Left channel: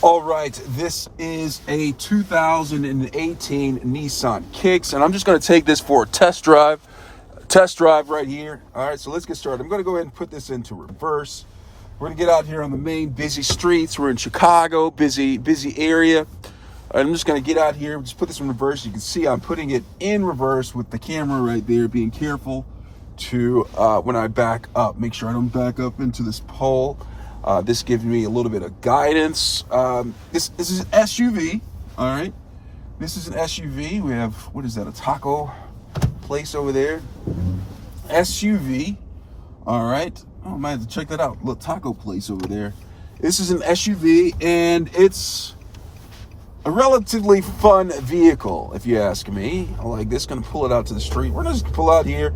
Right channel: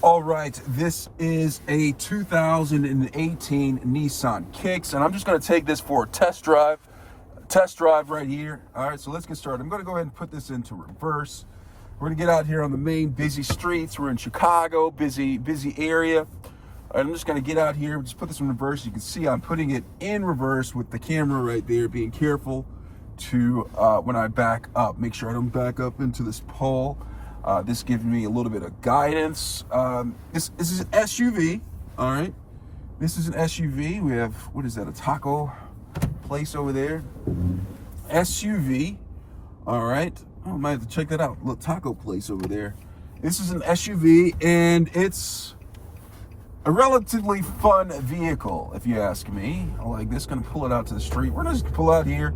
All right, this is a 2018 Nissan Kicks, and I'm just going to take this for a test drive right here. All right, so let's get started. I'm going to go ahead and put this into reverse. We're going to get out here on the main busy streets. We're in Chicago, busy area. All right, I'm just going to get out here, just put this in reverse. You can see I'm putting it in reverse with the camera right there, being careful to, when I back up, make sure I don't back up into this pole. This gives me a little bit of guidance. This is an SUV, all right? This is an SUV. We have, what is that, a taco place over there? SUV, all right? I might have to check that out, little taco place over there. This is an SUV, and it's a relatively fun vehicle, if you ask me. Like this, gonna pull it out to the street. We're just gonna pull out here,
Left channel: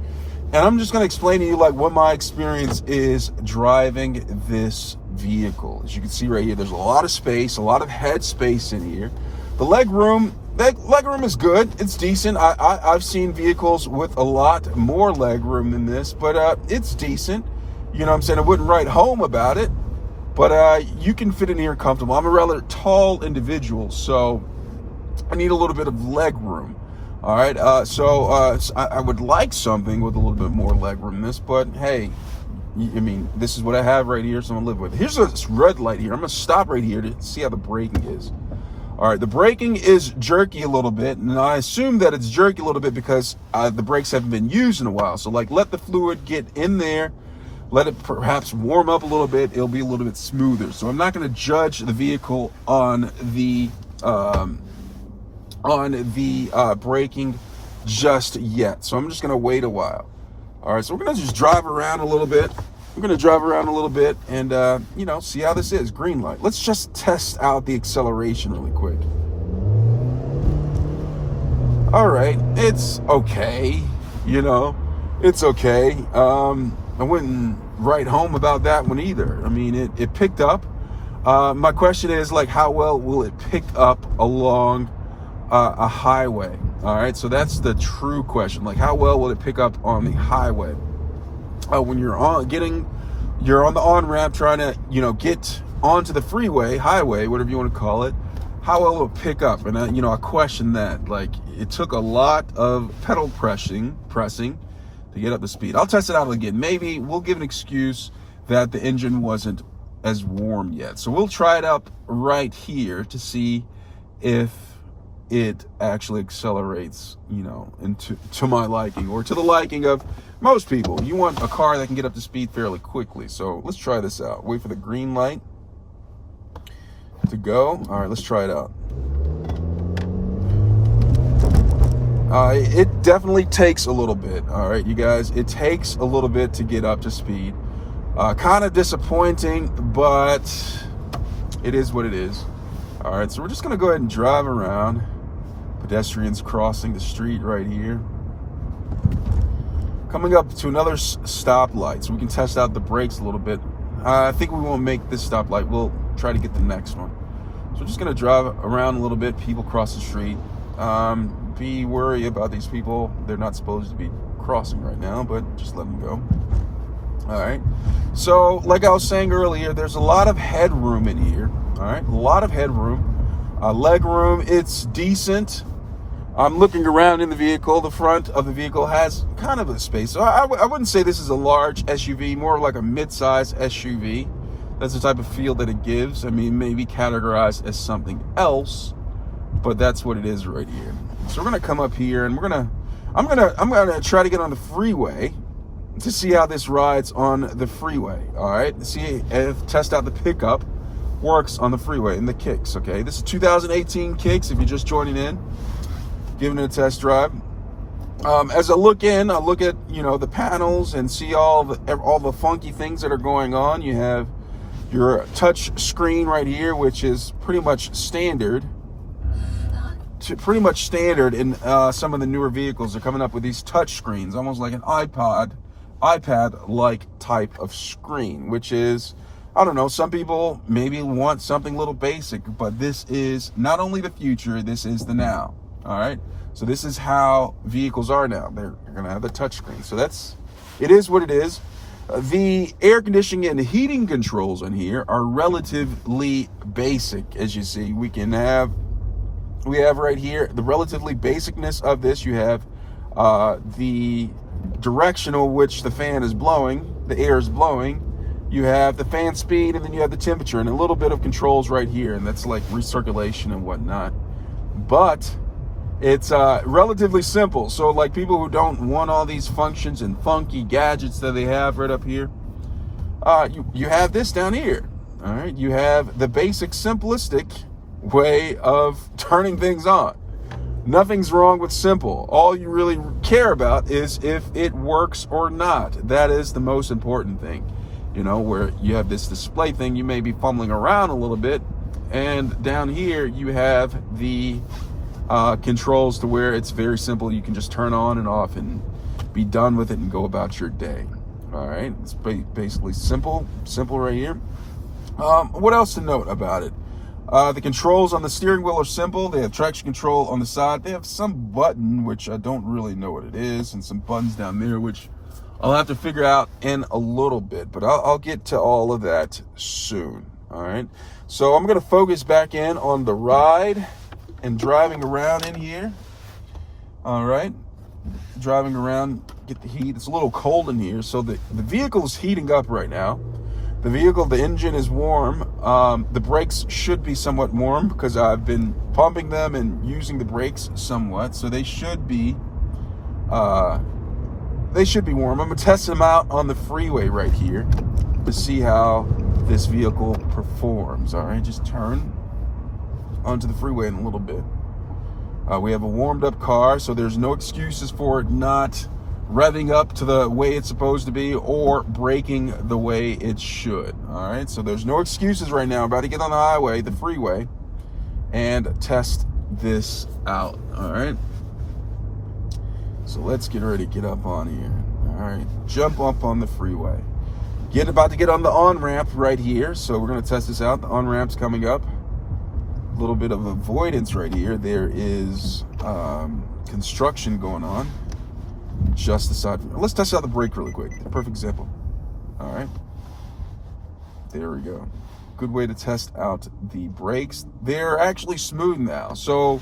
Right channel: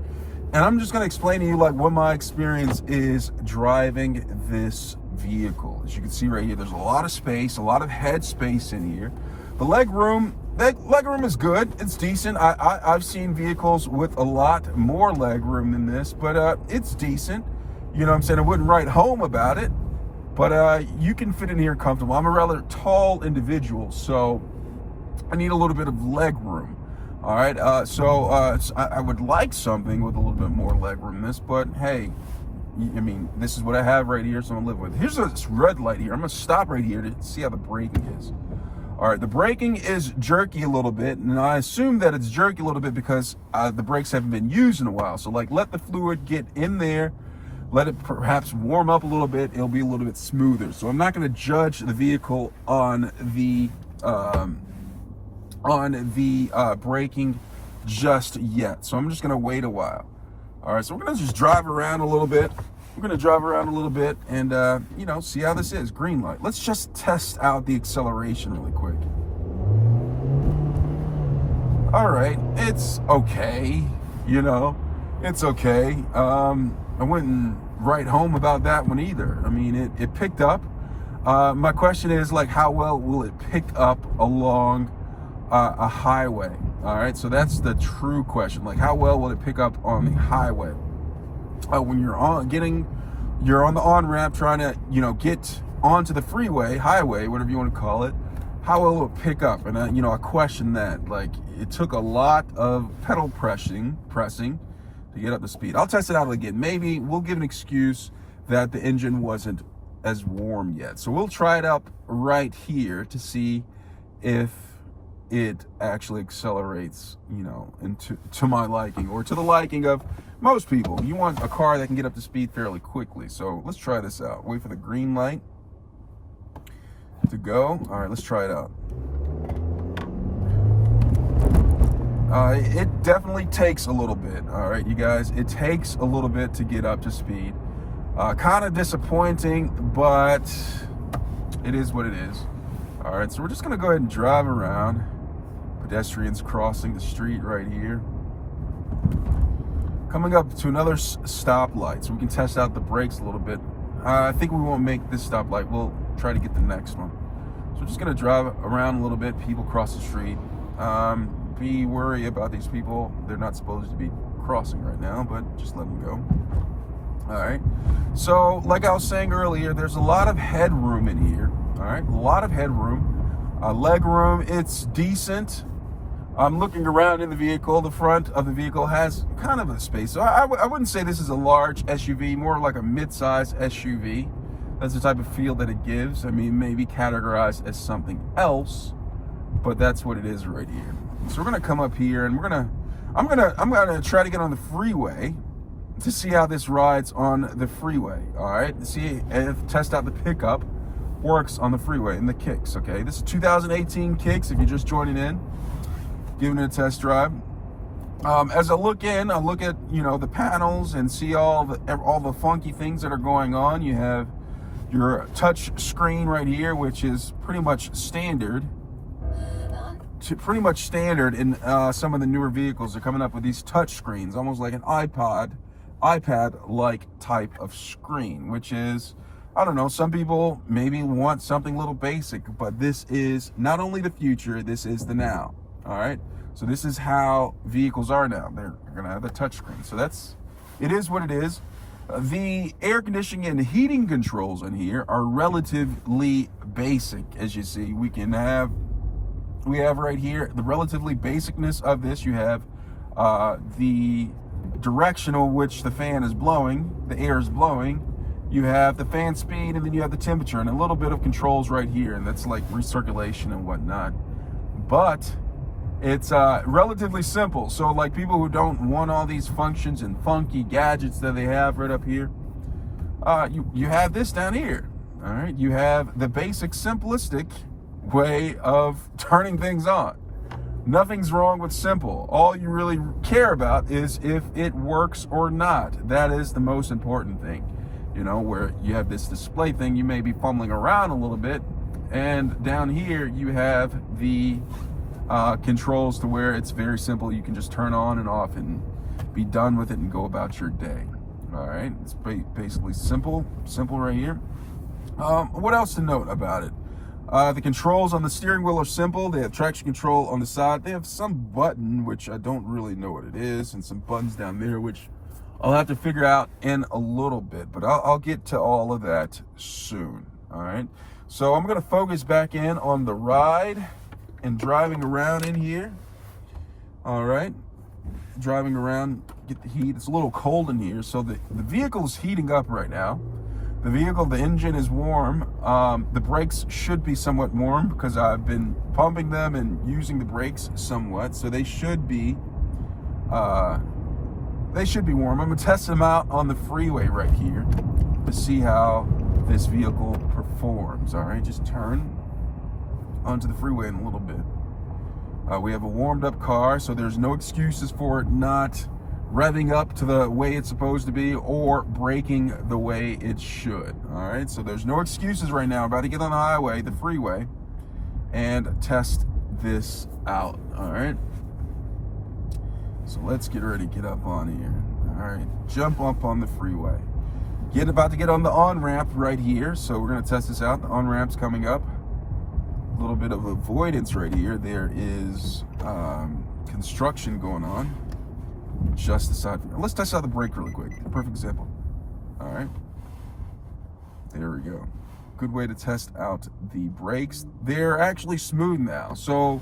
and I'm just gonna explain to you like what my experience is driving this vehicle. As you can see right here, there's a lot of space, a lot of head space in here. The leg room is good. It's decent. I've seen vehicles with a lot more leg room than this, but it's decent. You know what I'm saying? I wouldn't write home about it, but you can fit in here comfortable. I'm a rather tall individual, so I need a little bit of leg room. All right, I would like something with a little bit more leg room than this, but hey, I mean, this is what I have right here, so I'm gonna live with it. Here's this red light here. I'm gonna stop right here to see how the braking is. All right, the braking is jerky a little bit, and I assume that it's jerky a little bit because the brakes haven't been used in a while. So like, let the fluid get in there, let it perhaps warm up a little bit. It'll be a little bit smoother. So I'm not gonna judge the vehicle on the braking just yet. So I'm just gonna wait a while. All right, so we're gonna just drive around a little bit. We're gonna drive around a little bit and you know, see how this is. Green light. Let's just test out the acceleration really quick. All right, it's okay. You know, it's okay. I wouldn't write home about that one either. I mean, it picked up. My question is like, how well will it pick up along a highway? All right, so that's the true question. Like, how well will it pick up on the highway? When you're on the on-ramp trying to, you know, get onto the freeway, highway, whatever you want to call it, how well will it pick up? And I question that. Like, it took a lot of pedal pressing to get up the speed. I'll test it out again. Maybe we'll give an excuse that the engine wasn't as warm yet. So we'll try it up right here to see if it actually accelerates, you know, to my liking, or to the liking of most people. You want a car that can get up to speed fairly quickly. So let's try this out. Wait for the green light to go. All right, let's try it out. It definitely takes a little bit. All right, you guys, it takes a little bit to get up to speed. Kind of disappointing, but it is what it is. All right, so we're just gonna go ahead and drive around. Pedestrians crossing the street right here. Coming up to another stoplight, so we can test out the brakes a little bit. I think we won't make this stoplight. We'll try to get the next one. So we're just gonna drive around a little bit. People cross the street. Be wary about these people. They're not supposed to be crossing right now, but just let them go. All right. So like I was saying earlier, there's a lot of headroom in here. All right, a lot of headroom. Leg room, it's decent. I'm looking around in the vehicle. The front of the vehicle has kind of a space. So I wouldn't say this is a large SUV, more like a mid-size SUV. That's the type of feel that it gives. I mean, maybe categorized as something else, but that's what it is right here. So we're gonna come up here and I'm gonna try to get on the freeway to see how this rides on the freeway. All right, see if test out the pickup works on the freeway in the Kicks. Okay, this is 2018 Kicks. If you're just joining in, giving it a test drive. As I look at, you know, the panels and see all the funky things that are going on. You have your touch screen right here, which is pretty much standard. In some of the newer vehicles. They're coming up with these touch screens, almost like an iPad-like type of screen, which is, I don't know, some people maybe want something a little basic, but this is not only the future, this is the now. All right, so this is how vehicles are now. They're gonna have the touch screen. So it is what it is. The air conditioning and heating controls in here are relatively basic. As you see, we have right here the relatively basicness of this. You have the directional which the fan is blowing, the air is blowing. You have the fan speed, and then you have the temperature, and a little bit of controls right here, and that's like recirculation and whatnot. But it's relatively simple. So like people who don't want all these functions and funky gadgets that they have right up here, you have this down here. All right, you have the basic simplistic way of turning things on. Nothing's wrong with simple. All you really care about is if it works or not. That is the most important thing. You know, where you have this display thing, you may be fumbling around a little bit, and down here you have the controls to where it's very simple. You can just turn on and off and be done with it and go about your day. All right, it's basically simple right here. What else to note about it? The controls on the steering wheel are simple. They have traction control on the side. They have some button, which I don't really know what it is, and some buttons down there, which I'll have to figure out in a little bit, but I'll get to all of that soon. All right, so I'm going to focus back in on the ride and driving around in here. All right, driving around, get the heat. It's a little cold in here, so the vehicle is heating up right now. The engine is warm. The brakes should be somewhat warm because I've been pumping them and using the brakes somewhat, so they should be warm. I'm gonna test them out on the freeway right here to see how this vehicle performs. All right, just turn onto the freeway in a little bit. We have a warmed up car, so there's no excuses for it not revving up to the way it's supposed to be or braking the way it should. All right, so there's no excuses right now. I'm about to get on the highway, the freeway, and test this out. All right, so let's get ready to get up on here. All right, jump up on the freeway. About to get on the on-ramp right here, so we're gonna test this out. The on-ramp's coming up. A little bit of avoidance right here. There is construction going on just aside from. Let's test out the brake really quick. The perfect example. All right, there we go. Good way to test out the brakes. They're actually smooth now. So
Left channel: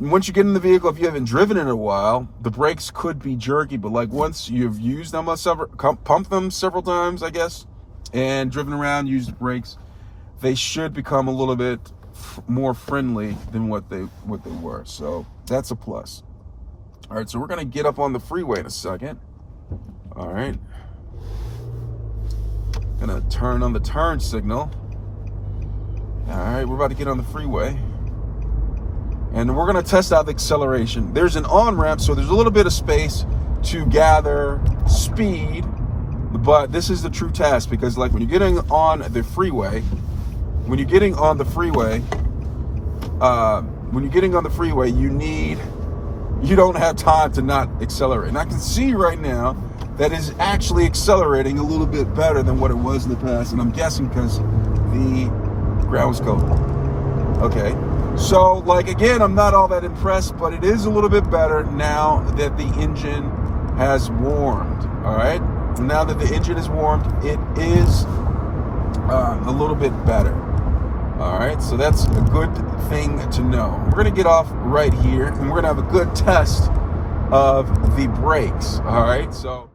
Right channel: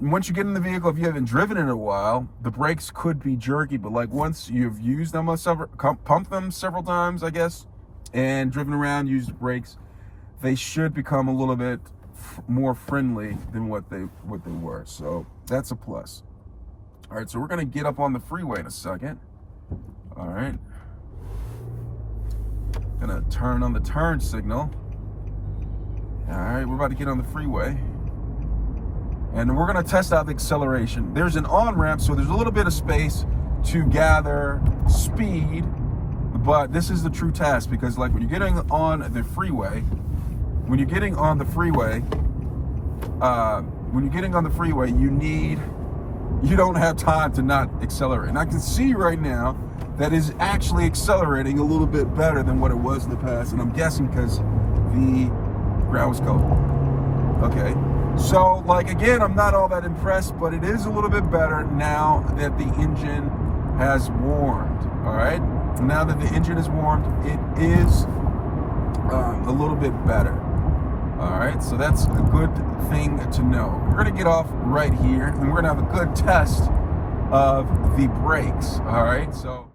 once you get in the vehicle, if you haven't driven it in a while, the brakes could be jerky, but like once you've used them pumped them several times, I guess, and driven around, used the brakes, they should become a little bit more friendly than what they were. So that's a plus. All right, so we're gonna get up on the freeway in a second. All right, gonna turn on the turn signal. All right, we're about to get on the freeway, and we're gonna test out the acceleration. There's an on-ramp, so there's a little bit of space to gather speed, but this is the true test, because like when you're getting on the freeway, you don't have time to not accelerate. And I can see right now that is actually accelerating a little bit better than what it was in the past, and I'm guessing because the ground was cold. Okay, so like again, I'm not all that impressed, but it is a little bit better now that the engine has warmed. All right, now that the engine is warmed, it is a little bit better. All right, so that's a good thing to know. We're gonna get off right here, and we're gonna have a good test of the brakes. All right, so.